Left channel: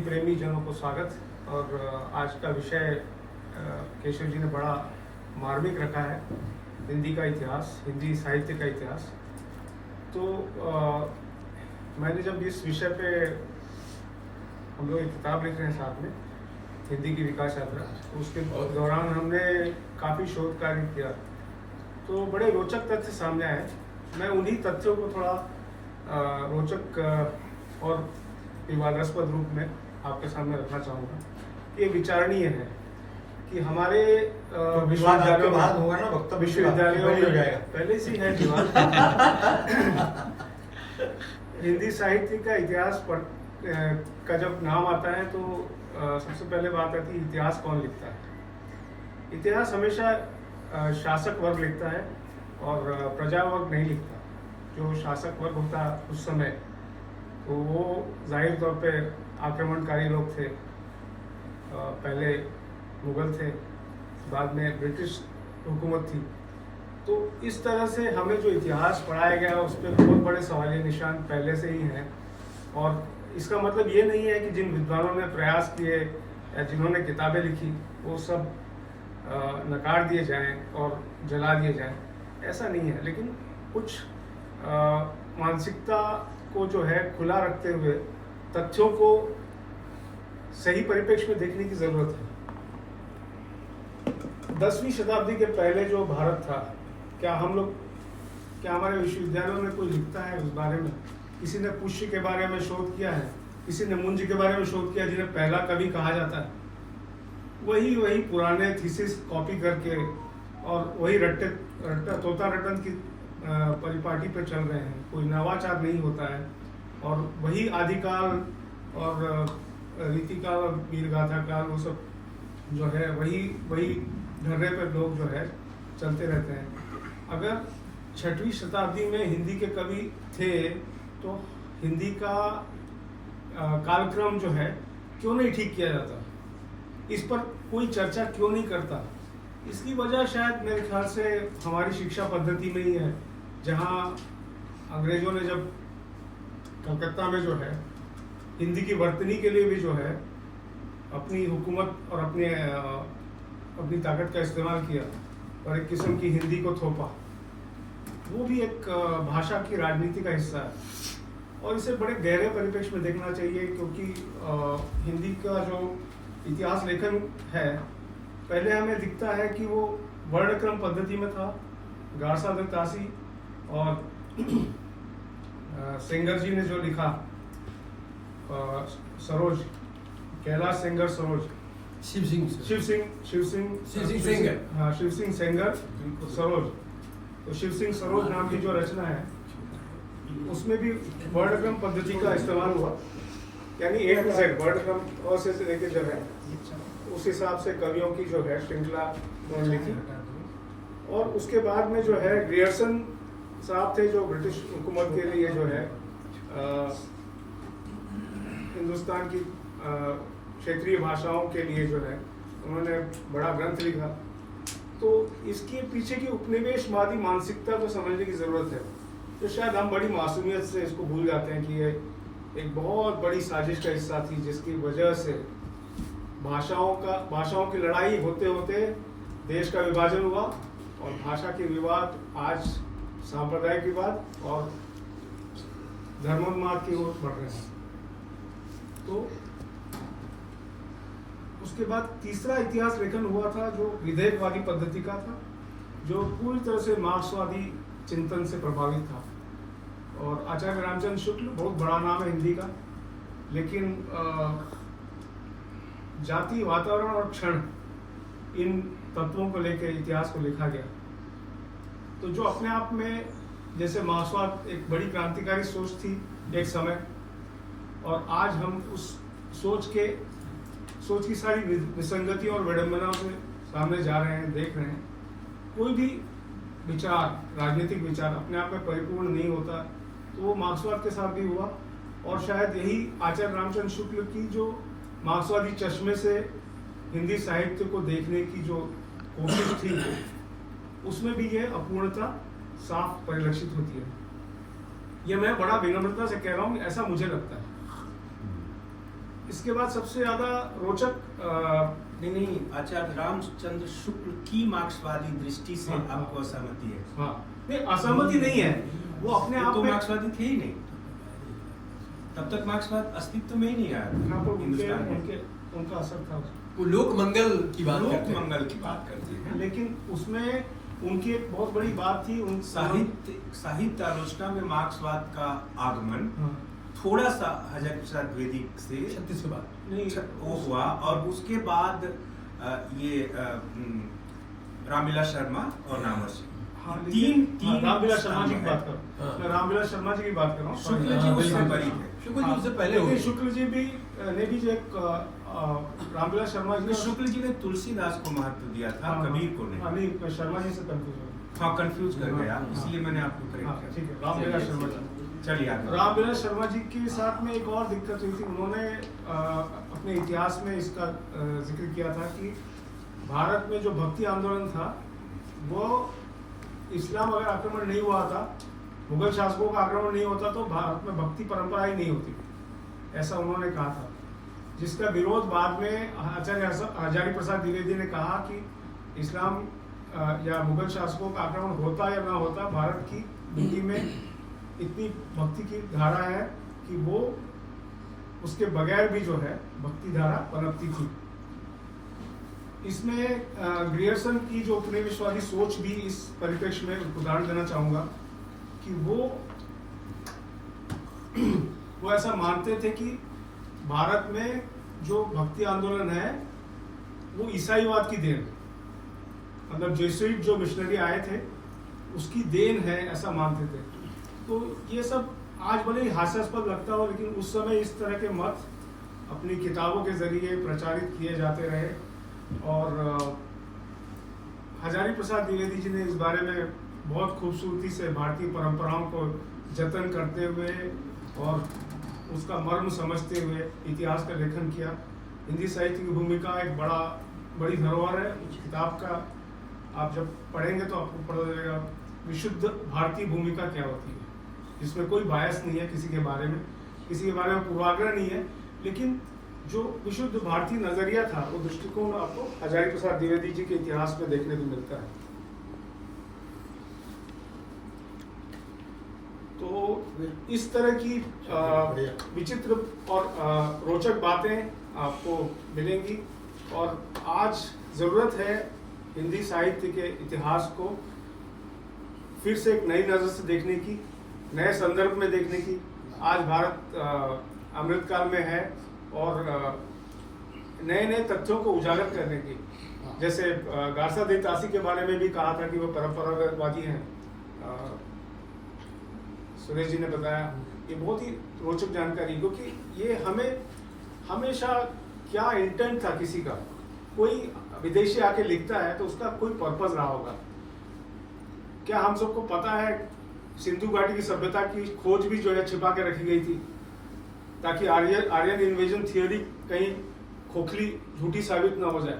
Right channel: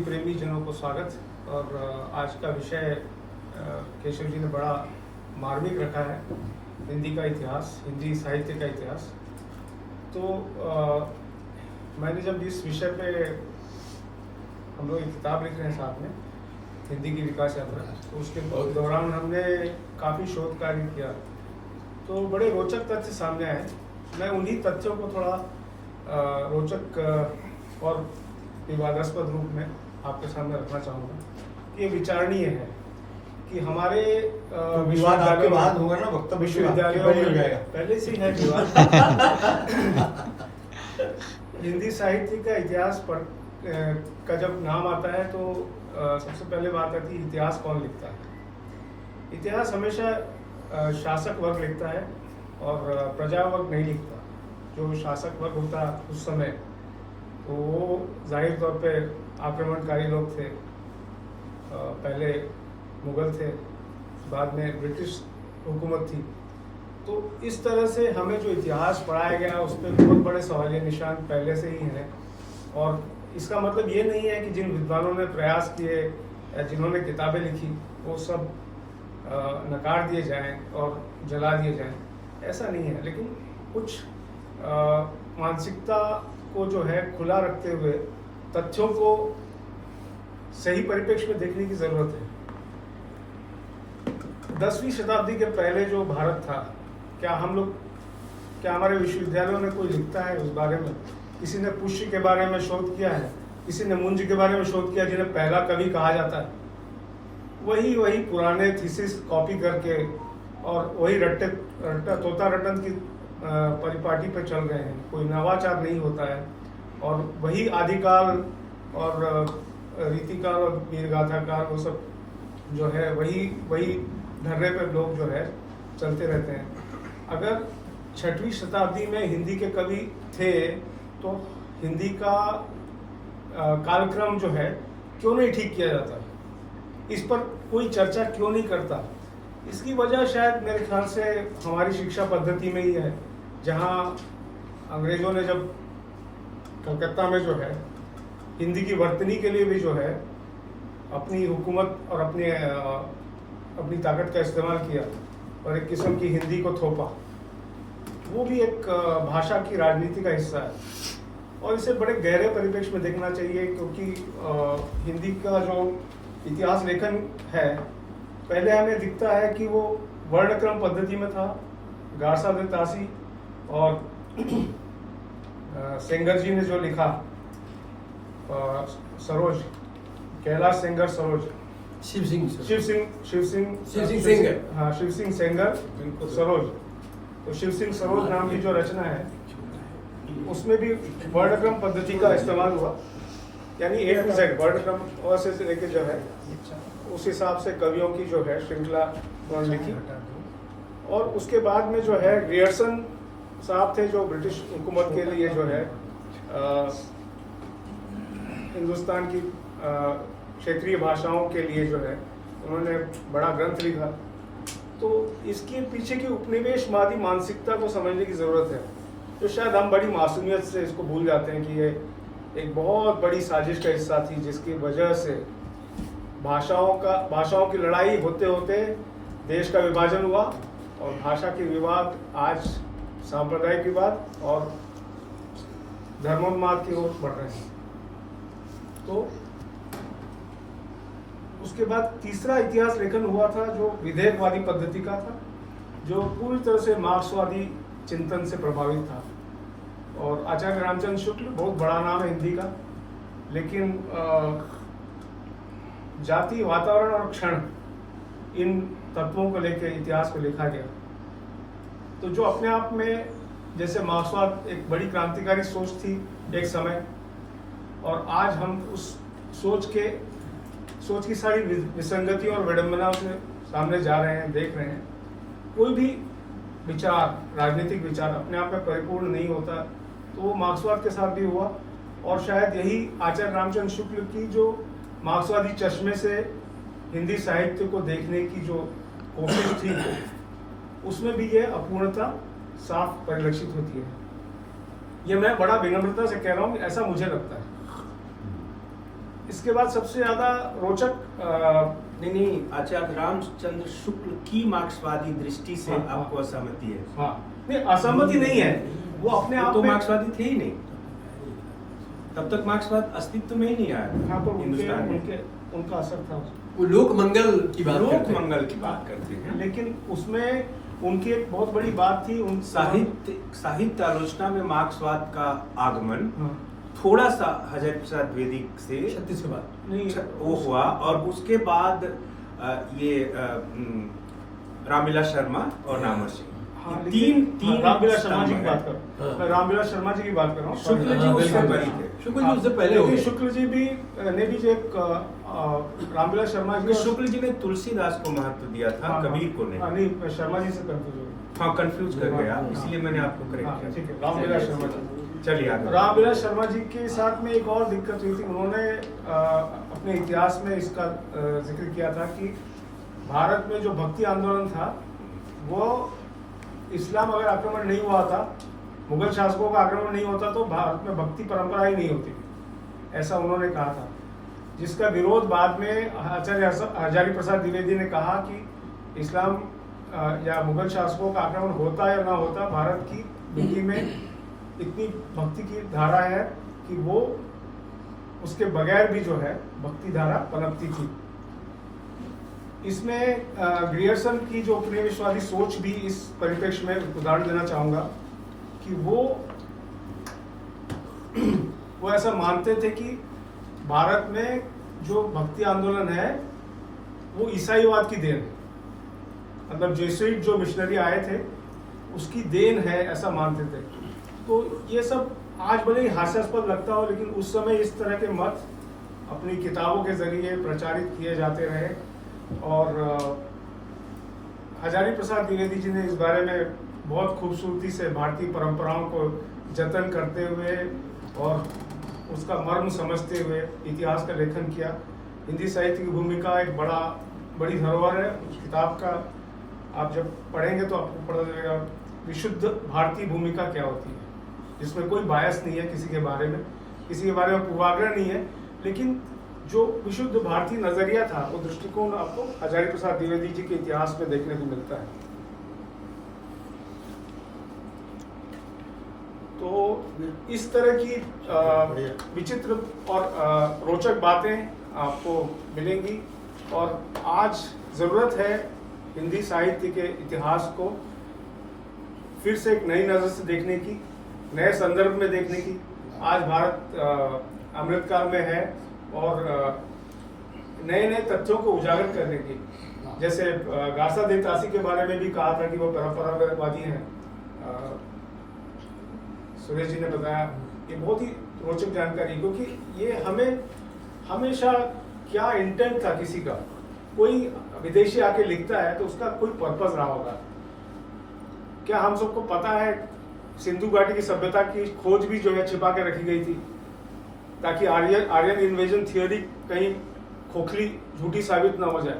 प्रेमी जनों को स्वागत। और आज का विषय केशव जी ने बड़ा मार्मिक रखा है, हिंदी का इतिहास, हिंदी साहित्य का इतिहास। तो मैंने जब इस विषय पे, हम लोग एक किताब लिख रहे हैं साथ में, हिंदी की विकास यात्रा, तो उसके दौरान हमने काफ़ी शोध कार्य किया, तो बड़े रोचक तथ्य सामने आए। मैं उन्हीं तथ्यों को थोड़ा रोचक और विवादास्पद रूप में आपके सामने रखना चाहूँगा। ये विचारणीय है कि हमारे विश्वविद्यालय बाद होगा ना, वक्तव्य विश्वविद्यालयों हो जाएगा, पहले से ही है विवाद। हिंदी साहित्य का इतिहास पर का जब नाम आता है तो सबसे पहले बात आती है इतिहास कौन लिखता है। इतिहास हमेशा शासक वर्ग लिखता है और प्रजा वर्ग नहीं लिखता। जो शासक वर्ग होता उस समय, तो वो जाहिर तौर पे आक्रमणकारी लोग थे। पहले मुगल थे, बाद में ब्रिटिश हुकूमत थी। तो इस तरह से हमें जो इतिहास पढ़ाया गया उस पर बहुत बड़े सवालिया निशान पहले से ही हैं। और इसका मतलब ये नहीं है कि जिन विद्वानों ने प्रयास किए या जिन्होंने किताबें लिखी वो सब नकार दिए जाएं और जला दिए जाएं, ऐसा नहीं है। लेकिन कुछ मानसिकता को जो है खुला रखते हुए तथ्यों को सही परिप्रेक्ष्य में देखने की जरूरत है। 10वीं शताब्दी के पहले जो भारत था, क्या हमारे विश्वविद्यालयों में कोई लिखता है उस बारे में? किसी ने पुष्य के बारे में शोध किया है? किसी ने मुंज के बारे में शोध किया, जिन्हें पहला कवि कहा जाता है? वही पुराने थीसिस कॉपी करके और वही तोता रटन की परिपाटी पर चल रहे हैं। कोई नवाचार नहीं होता है और वही आदिकाल और रीतिकाल और वीरगाथा काल, वो सब जो है वही धर्रे पे लोग जो है चलते रहते हैं। अगर 6वीं शताब्दी में हिंदी के कवि थे तो हिंदी का कालक्रम जो है क्यों नहीं ठीक किया जाता? इस पर कोई चर्चा क्यों नहीं करता? इसकी वजह शायद मेरे ख्याल से हमारी शिक्षा पद्धति में ही है, जहाँ अंग्रेजों ने जब कलकत्ता में जो है हिंदी की वर्तनी के लिए भी जो है अपनी हुकूमत और अपनी ताकत का इस्तेमाल किया और एक किस्म की हिंदी को थोपा। वो भी एक भाषा की राजनीति का हिस्सा है और इसे बड़े गहरे परिप्रेक्ष्य में देखना चाहिए, क्योंकि हिंदी का जो इतिहास लेखन है, पहले हमें दिखता है कि वो वर्णक्रम पद्धति में था। गारसा दे तासी और सेंगर जी ने जो लिखा, सरोज, कैलाश सेंगर सरोज, शिव सिंह सेंगर सरोज। तो शिव सिंह सरोज नाम की जो रचना है उसमें भी वर्णक्रम पद्धति का इस्तेमाल हुआ, यानी A to Z वर्णक्रम और से लेकर जो है उस हिसाब से कवियों की जो है श्रृंखला उन्होंने लिखी। और उसके बाद में जो है ग्रियर्सन साहब थे, जो ब्रिटिश हुकूमत के लिए जो है हिंदुस्तान की क्षेत्रीय भाषाओं के लिए जो है उन्होंने बड़ा ग्रंथ लिखा। तो इसके पीछे की उपनिवेशवादी मानसिकता को समझने की ज़रूरत है, तो शायद हम बड़ी मासूमियत से इसको भूल जाते हैं कि ये एक बहुत बड़ी साजिश का हिस्सा थी, जिसकी वजह से भाषाओं की लड़ाई होते होते देश का विभाजन हुआ और भाषा के विवाद आज सांप्रदायिक विवाद और धर्मोन्माद की ओर बढ़ रहे हैं। तो उसके बाद तीसरा इतिहास लेखन हुआ था जो विधेयकवादी पद्धति का था, जो पूरी तरह से मार्क्सवादी चिंतन से प्रभावित था। और आचार्य रामचंद्र शुक्ल बहुत बड़ा नाम है हिंदी का, लेकिन जाति, वातावरण और क्षण, इन तत्वों को लेकर इतिहास को लिखा गया। तो जो अपने आप में, जैसे मार्क्सवाद एक बड़ी क्रांतिकारी सोच थी एक समय, और आज हम उस सोच की सारी विसंगतियों और विडंबनाओं से सामने जा रहे हैं, देख रहे हैं। कोई भी विचार, राजनीतिक विचार अपने आप में परिपूर्ण नहीं होता, तो वो मार्क्सवाद के साथ भी हुआ। और शायद यही आचार्य रामचंद्र शुक्ल की जो मार्क्सवादी चश्मे से हिंदी साहित्य को देखने की जो कोशिश थी, उसमें भी ये अपूर्णता साफ परिलक्षित होती है। ये मैं बड़ा विनम्रता से कह रहा हूँ, ऐसा मुझे लगता है। इसके बाद सबसे ज्यादा रोचक नहीं, आचार्य रामचंद्र शुक्ल की मार्क्सवादी दृष्टि से हाँ, आपको असहमति है? हाँ, नहीं असहमति नहीं है, वो अपने आप तो में मार्क्सवादी थे ही नहीं, तब तक मार्क्सवाद अस्तित्व में ही नहीं आया यहाँ पर हिंदुस्तान में। उनका असर था। वो लोक मंगल की बात लोक करते हैं। मंगल की बात करते हैं, लेकिन उसमें उनकी एक बहुत बड़ी बात थी, उन साहित्य आलोचना में मार्क्सवाद का आगमन हाँ, थोड़ा सा हज़ारी प्रसाद द्विवेदी से 36 के बाद नहीं वो हुआ, और उसके बाद ये रामविलास शर्मा और नामवर सिंह, हाँ, तीन हाँ, रामविलास शर्मा जी की स्तंभ बात हैं। करो, हाँ। मैं रामविलास शर्मा जी की बात कर रहा हूँ। शुक्ल जी हाँ, उससे बिल्कुल। बरी थे। शुक्ल जी उससे पहले हो लेकिन गए। शुक्ल जी भी ने भी जो एक रामविलास शर्मा जी और- शुक्ल जी ने तुलसीदास को महत्व दिया था, हाँ, कबीर को हाँ, नहीं। नहीं शर्मा जी से कंफ्यूज हो हाँ, कंफ्यूज कर हाँ, गया, हाँ, इसलिए मैंने आपको हाँ, करेक्ट किया। ठीक है, रामविलास शर्मा जी। चलिए आगे। रामविलास शर्मा जी के साथ में एक और दिक्कत हुई थी, उन्होंने अपने इतिहास में इसका जिक्र किया था कि भारत में जो भक्ति आंदोलन था वो इस्लाम अगर आक्रमण नहीं हुआ था, मुगल शासकों का आक्रमण नहीं होता तो भारत में भक्ति परंपरा ही नहीं होती, ऐसा उन्होंने कहा था। जिसका विरोध बाद में आचार्य हजारी प्रसाद द्विवेदी ने कहा कि इस्लाम या मुगल शासकों का आक्रमण होता या ना होता, भारत की मिट्टी में इतनी भक्ति की धारा है कि वो उसके बगैर भी जो है भक्ति धारा पनपती थी। इसमें ग्रियर्सन की जो उपनिवेशवादी सोच भी इस परिप्रेक्ष्य में उदाहरण देना चाहूंगा कि वो ऐसा मानते थे कि भारत में जो भक्ति आंदोलन है वो ईसाईवाद की देन है, मतलब जेसुइट जो मिशनरी आए थे उसकी देन है, ऐसा मानते थे। तो ये सब आज भले ही हास्यास्पद लगता हो, लेकिन उस समय इस तरह के मत अपनी किताबों के जरिए प्रचारित किए जाते रहे। और हजारी प्रसाद द्विवेदी जी ने इस बारे में बहुत खूबसूरती से भारतीय परंपराओं को जतन करते हुए और उसका मर्म समझते हुए इतिहास का लेखन किया। हिंदी साहित्य की भूमिका एक बड़ी धरोहर है। किताब का आप जब पढ़ेंगे तो आपको पता चलेगा विशुद्ध भारतीय भूमिका क्या होती है, जिसमें कोई बायस नहीं है किसी के बारे में पूर्वाग्रह नहीं है, लेकिन जो विशुद्ध भारतीय नजरिया था वो दृष्टिकोण आपको हजारी प्रसाद द्विवेदी जी के इतिहास में देखने को मिलता है। तो इस तरह की विचित्र और रोचक बातें आपको मिलेंगी, और आज जरूरत है हिंदी साहित्य के इतिहास को फिर से एक नई नजर से देखने की, नए संदर्भ में देखने की। आज भारत अमृतकाल में है और नए नए तथ्यों को उजागर करने की, जैसे गासा दे तासी के बारे में भी कहा था कि वो परंपरावादी हैं, सुरेश जी ने बताया। ये बहुत ही रोचक जानकारी, क्योंकि ये हमें हमेशा क्या इंटेंट था किसी का, कोई विदेशी आके लिखता है तो उसका कोई पर्पस रहा होगा। क्या हम सबको पता है सिंधु घाटी की सभ्यता की खोज भी जो है छिपा के रखी गई थी, ताकि आर्यन इन्वेजन थियोरी कहीं खोखली झूठी साबित ना हो जाए।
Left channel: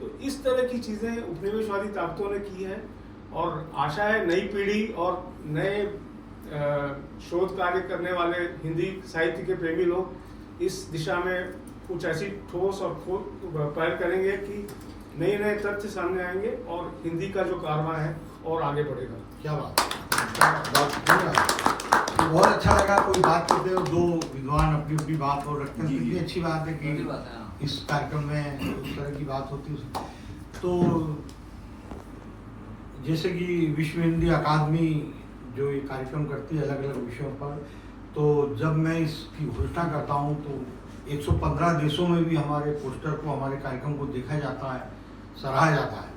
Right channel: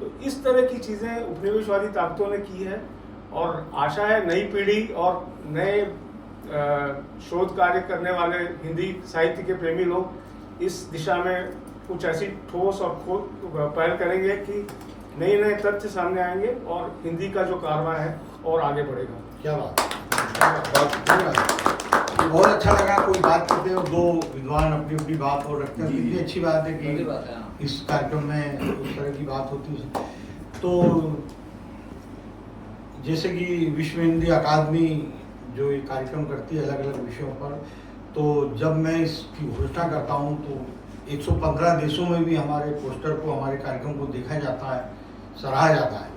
तो इस तरह की चीजें उपनिवेशवादी ताकतों ने की है, और आशा है नई पीढ़ी और नए शोध कार्य करने वाले हिंदी साहित्य के प्रेमी लोग इस दिशा में कुछ ऐसी ठोस और पहल करेंगे कि नए नए तथ्य सामने आएंगे और हिंदी का जो कारवां है और आगे बढ़ेगा। क्या बात बहुत अच्छा लगा। कोई बात करते हो, दो विद्वान अपनी अपनी बात और रखते हैं, जी, कितनी जी। अच्छी बात है कि इस कार्यक्रम में उस तरह की बात होती है। तो जैसे कि विश्व हिंदी अकादमी जो ये कार्यक्रम करती है अलग अलग विषयों पर, तो जब मैं इसकी घोषणा करता हूँ तो 115 देशों में भी हमारे पोस्टर को, हमारे कार्यक्रम को देखा जाता है, सराहा जाता है।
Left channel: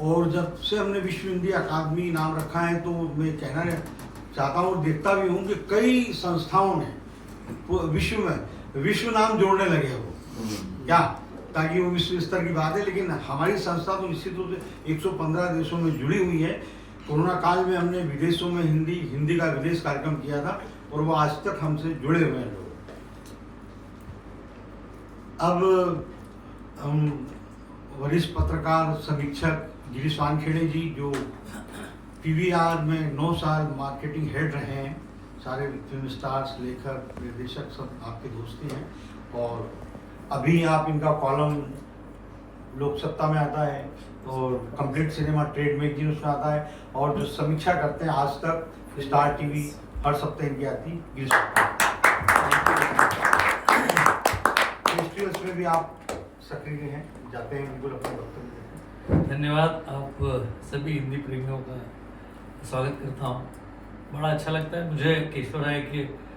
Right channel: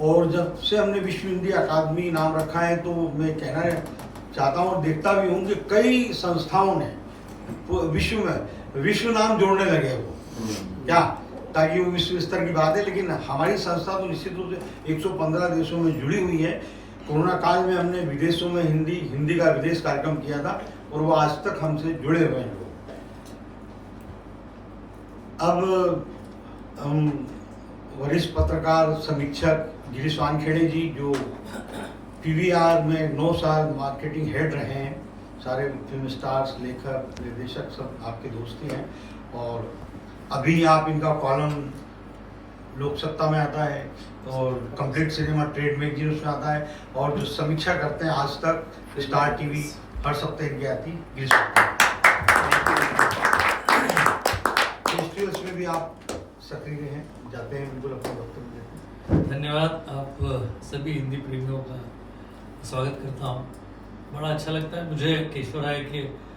और जब से हमने विश्व हिंदी अकादमी नाम रखा है तो मैं कहना चाहता हूँ और देखता भी हूँ कि कई संस्थाओं ने विश्व नाम जोड़ने लगे वो, क्या, ताकि वो विश्व स्तर की बात है। लेकिन हमारी संस्था तो निश्चित रूप से 115 देशों में जुड़ी हुई है। कोरोना काल में हमने विदेशों में हिंदी का विदेश कार्यक्रम किया था और वो आज तक हमसे जुड़े हुए हैं लोग। अब हम वरिष्ठ पत्रकार समीक्षक गिरीश वानखेड़े जी, जो PVR में 9 साल मार्केटिंग हेड रहे हैं, सारे फिल्म स्टार्स, लेखक, निर्देशक सब आपके दोस्त ही हैं, और अभी आप इनका कॉलम लोक सत्ता में आता है और कंप्लीट सिनेमा ट्रेड मैगजीन उसमें आता है, और जो समीक्षा करते हैं आज तक, स्टार टीवी हर सप्ताह इनकी आती गिर फेस्टिवल्स में भी आप सक्रिय हैं, जाते हैं, बिल्कुल अपना वक्तव्य देते हैं। धन्यवाद। आप सभी हिंदी प्रेमियों का स्वागत करता हूँ। बड़ा अच्छा लगता है मुझे केशव राय के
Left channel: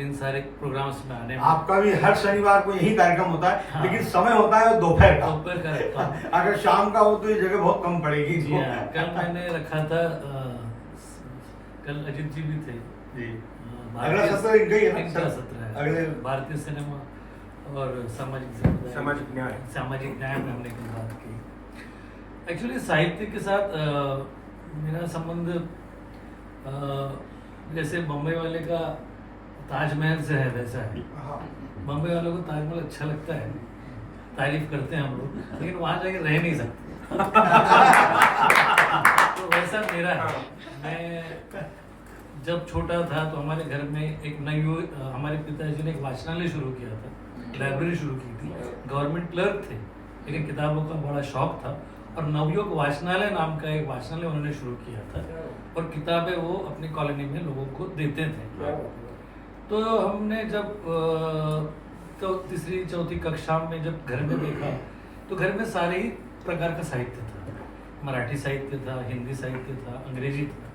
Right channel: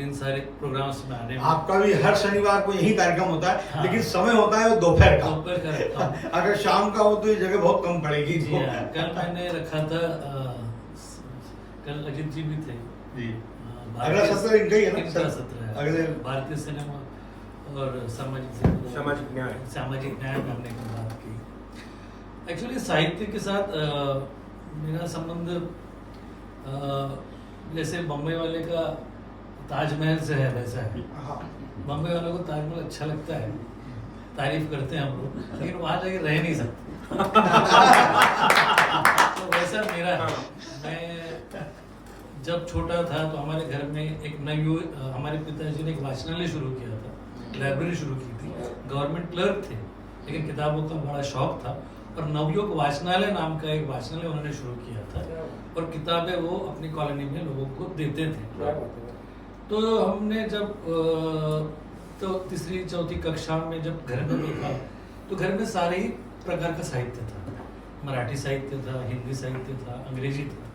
इन सारे प्रोग्राम्स में आने में। आपका भी हर शनिवार को यही कार्यक्रम होता है, हाँ। लेकिन समय होता है वो दोपहर का। दोपहर का रखा हूँ। अगर शाम का हो तो ये जगह बहुत कम पड़ेगी। जी हाँ, कल मैंने रखा था। कल अजित जी भी थे। जी। भारतीय- अगला सत्र इनका ही है ना? इनका सत्र है। अगले भारतीय सिनेमा और सामाजिक न्याय में हमने कल बात की। एक्चुअली साहित्य के साथ मेरा संबंध जैसे बम्बई वाले का ताजमहल से है, वैसा है। बम्बई वालों को ताजमहल अच्छा लगता है, तारीफ करते हैं हम लोग, लेकिन वहां जाके रह नहीं सकते। तो वैसा मेरा है। मैं जब छोटा था तो हमारे घर में एक हमारे पिताजी ने एक वाचनालय शुरू किया था, लाइब्रेरी शुरू की थी। गवर्नमेंट क्लर्क थे, लेकिन किताबों का बड़ा शौक था, और नवयुग वाचनालय नाम का एक वाचनालय उन्होंने शुरू किया था, और किताबें वो अपनी कॉलोनी में लोगों को देते थे। तो हमने जब तो तीसरी चौथी कक्षा में जब घर में देखा, तो घर में सारे ही प्रकार का साहित्य था। मराठी साहित्य था, हिंदी साहित्य था, अंग्रेजी था।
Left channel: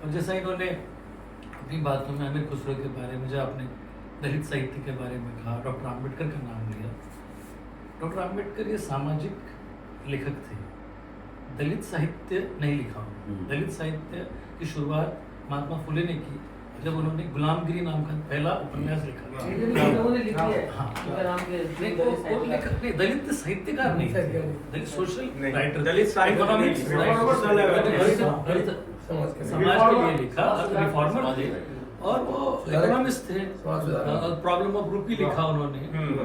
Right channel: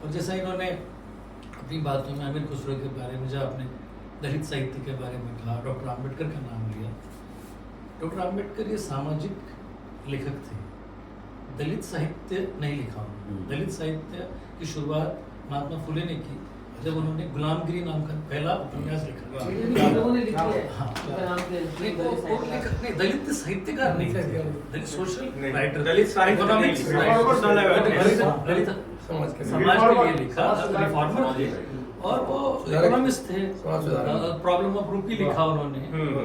और जैसा इन्होंने अपनी बातों में अमीर खुसरो के बारे में, जब आपने दलित साहित्य के बारे में कहा, डॉक्टर आम्बेडकर का नाम लिया। डॉक्टर आम्बेडकर ये सामाजिक लेखक थे, दलित साहित्य नहीं लिखा उन्होंने। दलित साहित्य की शुरुआत महात्मा फुले ने की, जब उन्होंने गुलामगिरी नाम का पहला उपन्यास लिखा। नहीं, दलित साहित्यकार नहीं थे, दलित सोशल राइटर, इकोनॉमिक्स समाज के लिए लिखा, रिफॉर्मर थे, और वो इकोनॉमिस्ट थे। प्रॉब्लम ऑफ रूपी लिखा उन्होंने।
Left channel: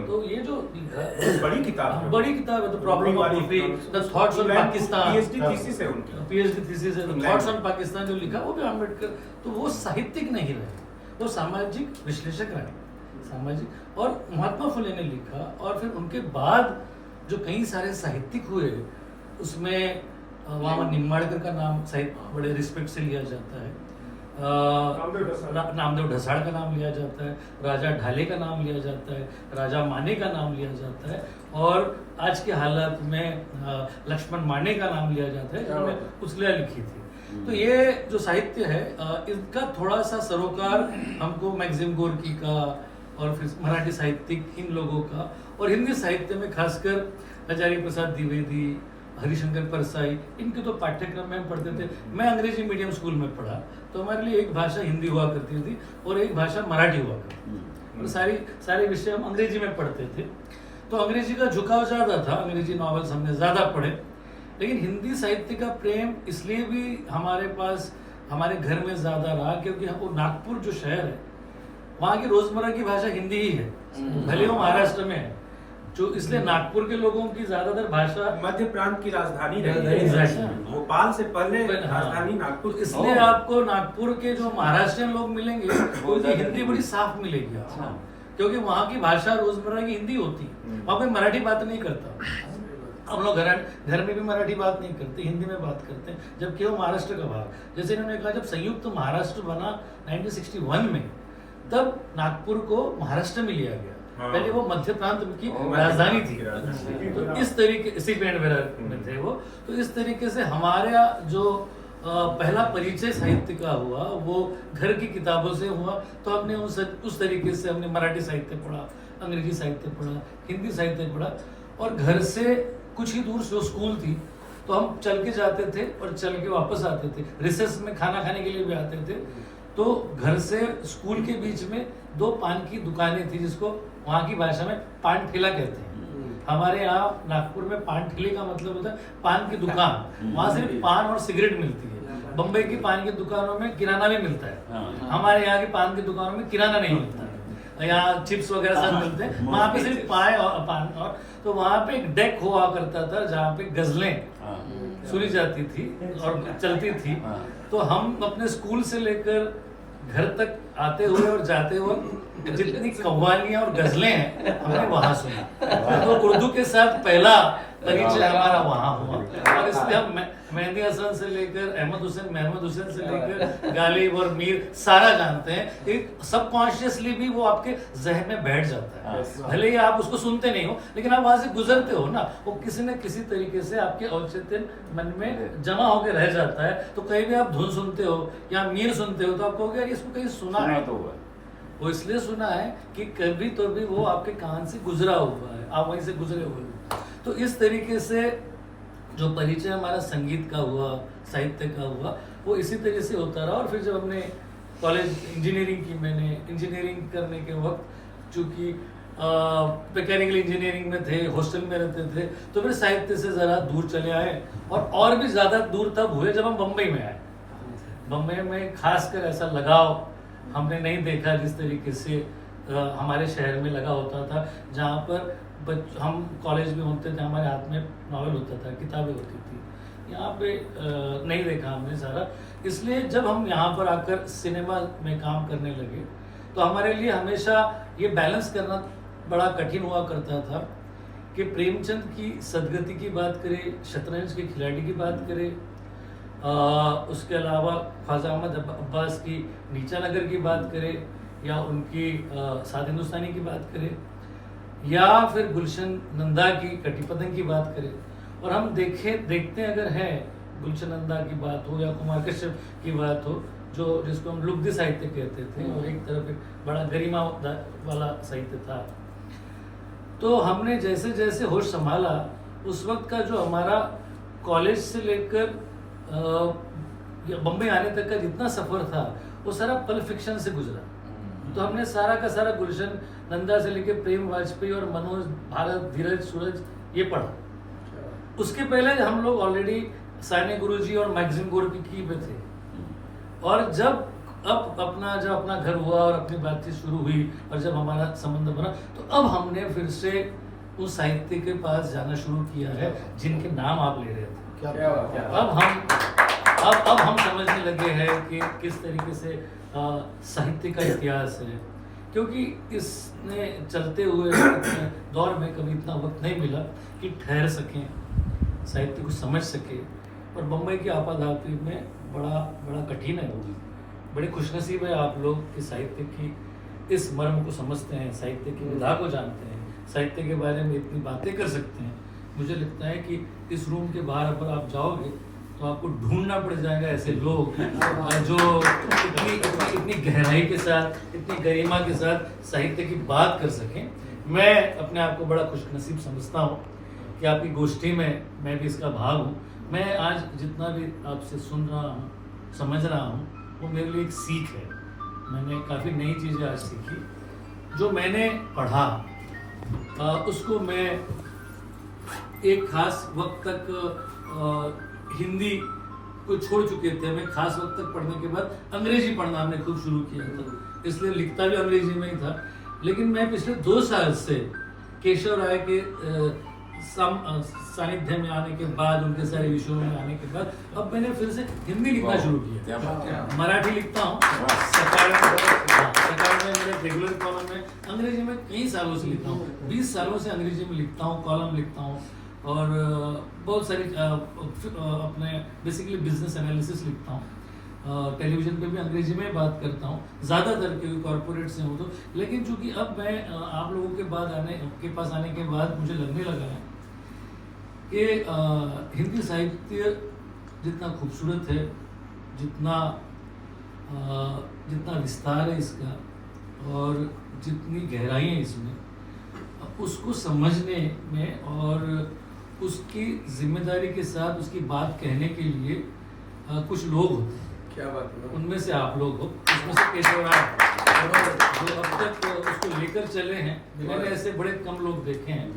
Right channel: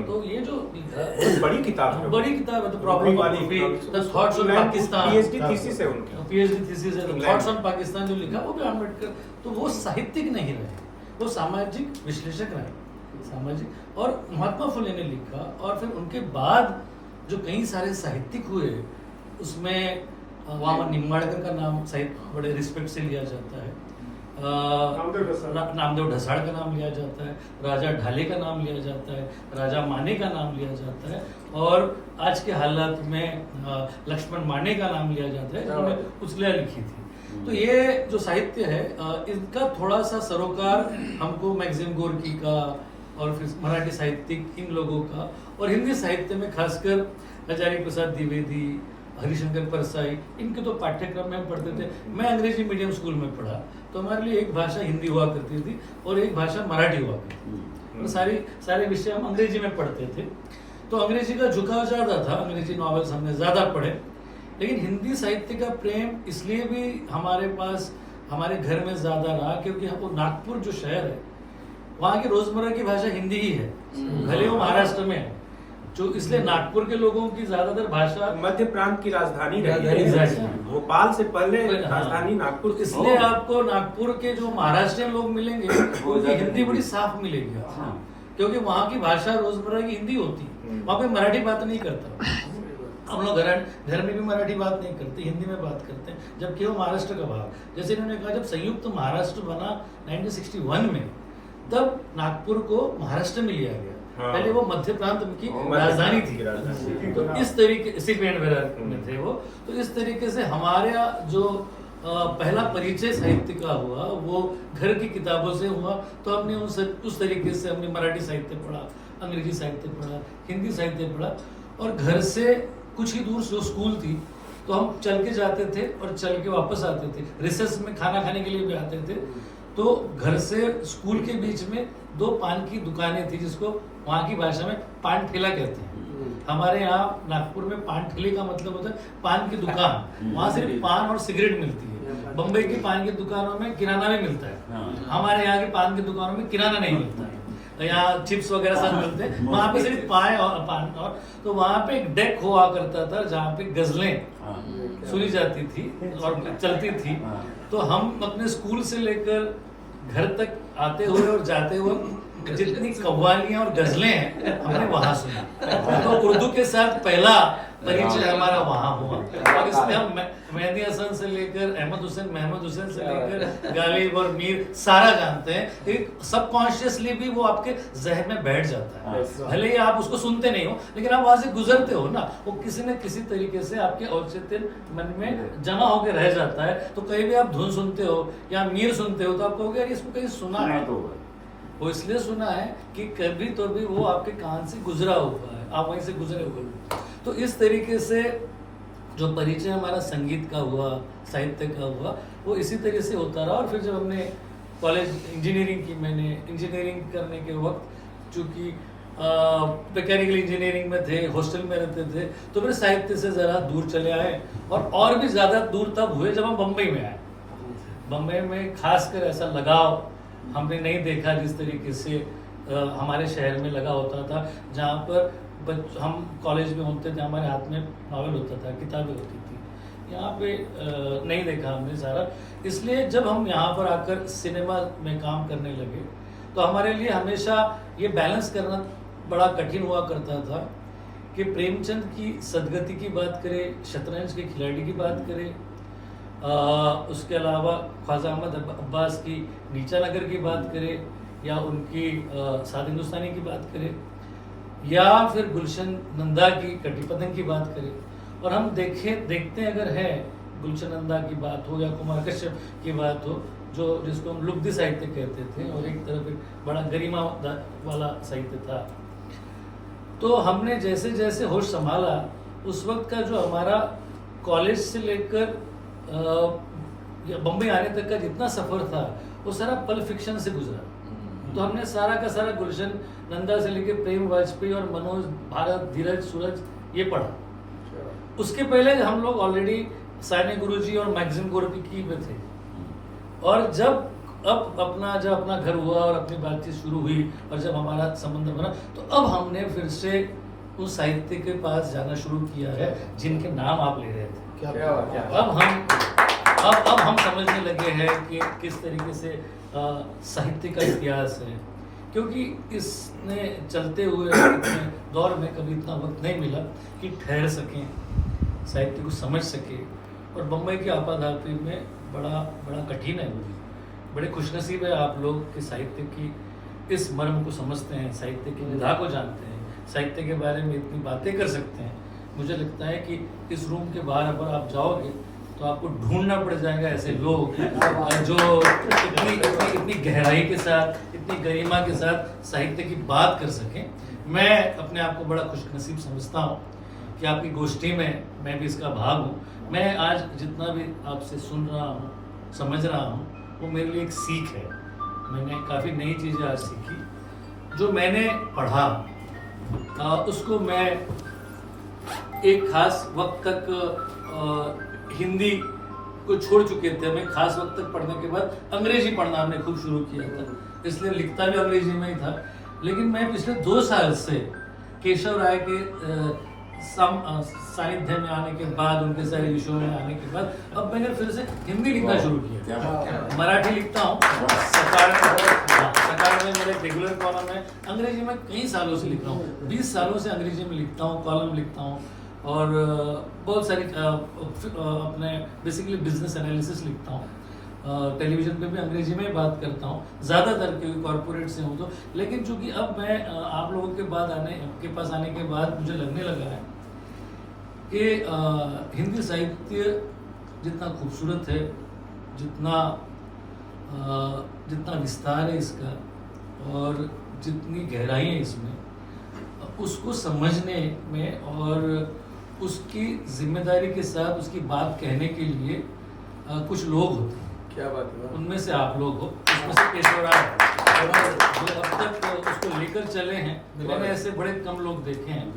तो ये जो लिखा बड़ी किताब है। बड़ी किताब है, तो प्रॉब्लम ऑफ रूपी, the thoughts on Pakistan, PhD thesis है उनकी। पीएचडी थीसिस है, द थॉट्स ऑन पाकिस्तान जो लिखा, वो भी अम्बेडकर। तो वो साहित्यिक नहीं रहे, वो सामाजिक विश्लेषक रहे, सामाजिक। और महात्मा फुले ने लिखा, और फिर उनके बाद जो कई सारे साहित्यिक हुए, उसमें वहाँ निम्बाड़कर का नाम साहित्य बड़े रिस्पेक्ट से लिया जाता है। नामदेव ढसाड़ का नाम लिया जाता है, राजा ढाले का नाम लिया जाता है, राजा माने का नाम लिया जाता है, और आज के हालात में लक्ष्मण माने का नाम लिया जाता है, जिन्होंने उछलिया लिखी थी। तो ये जो साहित्य है, इसका थोड़ा सा सरोकार हमको मैक्सिम गोर्की का, और फिर मराठी साहित्यिक इन लोगों का, और हिंदी साहित्य में खासकर आचार्य प्रसाद द्विवेदी, हरिशंकर परसाई, इनके तो पाठ्यक्रम में हम पढ़ते थे। मैं अंग्रेजी मीडियम स्कूल में पढ़ा, तो हमारे लिए एक भाषा हिंदी हुआ करती थी और एक भाषा मराठी हुआ करती थी, और सारे विषय हम अंग्रेजी में पढ़ते थे। तो अंग्रेजी का झुकाव ज्यादा था, अंग्रेजी नॉवेल्स हमने ज्यादा पढ़े। लेकिन हिंदी साहित्य का प्रेम इसलिए भी हमारे पास, हमारे घर में ज्यादा रहा, क्योंकि वो नागपुर जो शहर है, वहाँ की रोजमर्रा की भाषा हिंदी ही है, भले वो महाराष्ट्र में है। जो इसलिए नागपुर के लोगों की ज्यादातर भाषा मध्य प्रांत की राजधानी Exactly. भोपाल से पहले हाँ। राजधानी नागपुर। तो इसलिए आपको नागपुर के जो महाराष्ट्रियन लोग मिलेंगे, उनकी हिंदी बड़ी साफ मिलेगी आपको, क्योंकि वहाँ की भाषा रोजमर्रा की हिंदी होती है, वहाँ कोई मराठी बात नहीं करता। हम लोग घर में भी मराठी बात नहीं करते, हिंदी में बात करते हैं, जबकि वो महाराष्ट्र का भाग। जैसे इन्होंने कहा, जब संयुक्त महाराष्ट्र बना 1961 में, तब नागपुर को महाराष्ट्र में लिया गया। पहले वो मध्य प्रांत की राजधानी थी। तो इस तरीके सिप एंड वेरर में थे वो। तो इस तरीके से हमारा जो पहला परिचय साहित्य का हुआ, वो घर की किताबों से हुआ। तो हमने उस तरीके से हमने मराठी साहित्य पढ़ा, अंग्रेजी साहित्य पढ़ा, हिंदी साहित्य पढ़ा। और घर से कुछ ही दूर जो स्कूल थी, तो हम चल के जाते थे और चल के वापस आते थे। रिसेस में खाना खाने के लिए भी आते थे। तो घर से स्कूल के बीच में 2 पान की दुकानें थी, जिसको वहाँ की भाषा में पान ठेला कहते हैं। हमारे यहाँ नागपुर में पान ठेले का मतलब होता है पान की दुकान। वहाँ सिर्फ पान और सिगरेट मिलती है। बम्बई की पान की दुकानों में किराना भी मिलता है, हमारे यहाँ की पान की दुकानों में किराना नहीं मिलता है। यहाँ चिप्स वगैरह सब मिलते हैं, वहाँ पे सिर्फ पान और तो वहाँ पे एक डेक हुआ करता था, जहाँ पे गजलें सुनी जाती थी और चलती थी। तो हम अपने स्कूल से लेकर घर तक आते हुए और जाते हुए जितनी कव्वालियां और गजलें हैं हमने वहां सुना। तो उर्दू के साथ पहला परिचय हमारा वहां हुआ और इसमें हम मेहंदी हसन से लेकर अहमद हुसैन, महमूद हुसैन से लेकर गालिब और मीर सारा जानते हैं। एक सबकॉन्शियसली भी वो आपके जहन में बैठ जाता है, भले ही आप उसको सुनते नहीं हो लेकिन आप वहां से गुजरते हो ना, वो किसी न किसी तरीके से आपके औचित्य मन में जमा होकर रह जाता है। तो कहीं भी आप धुन सुनते हो या मीर सुनते हो तो आप कहोगे यार इसको कहीं सुना है, वो इसलिए सुना है कि कभी तो भी वो आपके कान से गुजरा हुआ है, आप वहीं से गुजरे हुए हो। तो इस तरीके से जो परिचय हमारा संगीत का हुआ, साहित्य का हुआ, वो इसी तरह से होता रहा। और फिर जब हमने कॉलेज इंजीनियरिंग की, मैंने इंजीनियरिंग करने के वक्त चूँकि मैकेनिकल इंजीनियरिंग में थे, हॉस्टल में रहते थे, तो फिर साहित्य से ज़रा दूर चले आए और भी ज़्यादा दूर तब हुए जब हम बम्बई में आए। बम्बई में खासकर ऐसा लगाव हमने नहीं देखा जिस तरीके से हमारे शहर में लगा होता था, जहाँ पर हम कॉलेज में होते थे, हमारे हाथ में नॉवेल होता था, किताबें होती थी। यहाँ पे नहीं देखा हमने सारा। इसलिए जब हम यहाँ पर आकर सिनेमा में काम करने लगे तो हमारे लिए हमेशा ये बैलेंस करना बड़ा कठिन हुआ करता था कि प्रेमचंद की सदगति की बात करें, शतरंज के खिलाड़ी की बात करें, उसके अलावा ख्वाजा अहमद अब्बास की नीचा नगर की बात करें, या उनकी साद हिंदुस्तानी की बात करें, या फिर गुलशन नंदा की कटी पतंग की बात करें, और हम देखते हैं अगर है गुलशन नंदा की बात हो या कुमार कश्यप की बात हो, जो जिसको हम लुब्ध साहित्य कहते थे, और एक तरफ एक बड़ा गरिमा वाला साहित्य था। तो हमने जैसे जैसे होश संभाला, उस वक्त का जो हमारा कॉलेज से लेकर बम्बई आने तक का जितना सफर था वो सारा पल फिक्शन से गुजरा। तो हमने सारा का सारा गुलशन नंदा से लेकर प्रेम वाजपेयी और मनोज, भारत, धीरज, सूरज ये पढ़ा। उसके पहले हम लोग ऑलरेडी साइने गुरुजी और मैगजीन गोरकी में थे, और जब अपना घर हुआ और अपनी बातचीत शुरू हुई और जब हमारा संबंध बना, तो अब हमने फिर से उस साहित्य के पास जाना शुरू किया है जिनके नाम आप ले रहे थे। अब हम समझने लगे हैं कि किस तरीके से साहित्य का इतिहास है, क्योंकि इसने चलते हुए इतने दौर में कभी इतना वक्त नहीं मिला कि ठहर सकें, साहित्य को समझ सके। और बम्बई की आपाधापी में बड़ा कठिन है वो। बड़े खुशनसीब है आप लोग कि साहित्य की इस मर्म को समझते हैं, साहित्य की विधा को जानते हैं, साहित्य के बारे में इतनी बातें कर सकते हैं। मुझे लगता है कि इस रूम के बाहर अगर आप जाओगे तो आपको ढूंढना पड़ जाएगा ऐसे लोग जो इतनी गहराई के साथ, इतनी गरिमा के साथ साहित्य की बात कर सकें। मैं अपने आप को बड़ा खुशनसीब समझता हूँ कि आपकी गोष्ठी में मैं भी इसका भाग हूँ। मैं आज जितना भी आपसे सुन रहा हूँ, समझ रहा हूँ, वो मेरे लिए एक सीख है। मैंने काफ़ी नई चीज़ें आज सीखी। जो मैंने पढ़ा उसको मैं एक खास वक्त तक हिंदी को छोड़ चुके थे। हमें खास वक्त तक पढ़ने के बाद अंग्रेजी पढ़ना हमने खुद शुरू किया था, इसलिए लिखता भी अंग्रेजी में ही था। लेकिन मैं पिछले 2 साल से केशव राय के सानिध्य में आने के बाद, उनके सारे विषयों में आने के बाद, अब मैंने फिर से हिंदी लिखना शुरू किया। मराठी लिखता हूँ, सकार में मेरे रेगुलर कॉलम है। अंग्रेजी में कई सालों से लिखता हूँ, 20 सालों से अंग्रेजी में लिखता हूँ, कॉलम लिखता हूँ, और बहुत सारी अपने बेसिकली बिजनेस एनालिसिस लिखता हूँ। टेलीविज़न पे भी अंग्रेजी में बात करता हूँ ज़्यादातर, क्योंकि कॉरपोरेट से हूँ तो। लेकिन चूंकि अब मैं आप लोगों के पास आने के बाद मुझे लगने लगा है कि हिंदी साहित्य जितना खूबसूरत है, जितना विस्तार है इसका, और जितनी गहराई है इसमें, उसको समझने में और उसकी जिम्मेदारी के साथ उसकी बात कहने के लिए कुछ लोग होते हैं। क्या बात है? उनमें से आप लोग हो, उसमें से केशव राय जो अब तक उसको लेकर चले हैं। मैंने ऐसे बड़े कम लोग देखे हैं।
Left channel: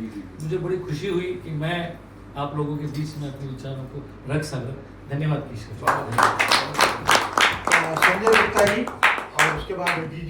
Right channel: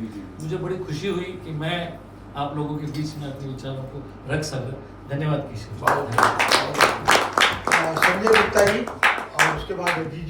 मुझे बड़ी खुशी हुई कि मैं आप लोगों के बीच में अपने विचारों को रख सका। धन्यवाद किशोर। संजय गुप्ता जी, और उसके बाद जी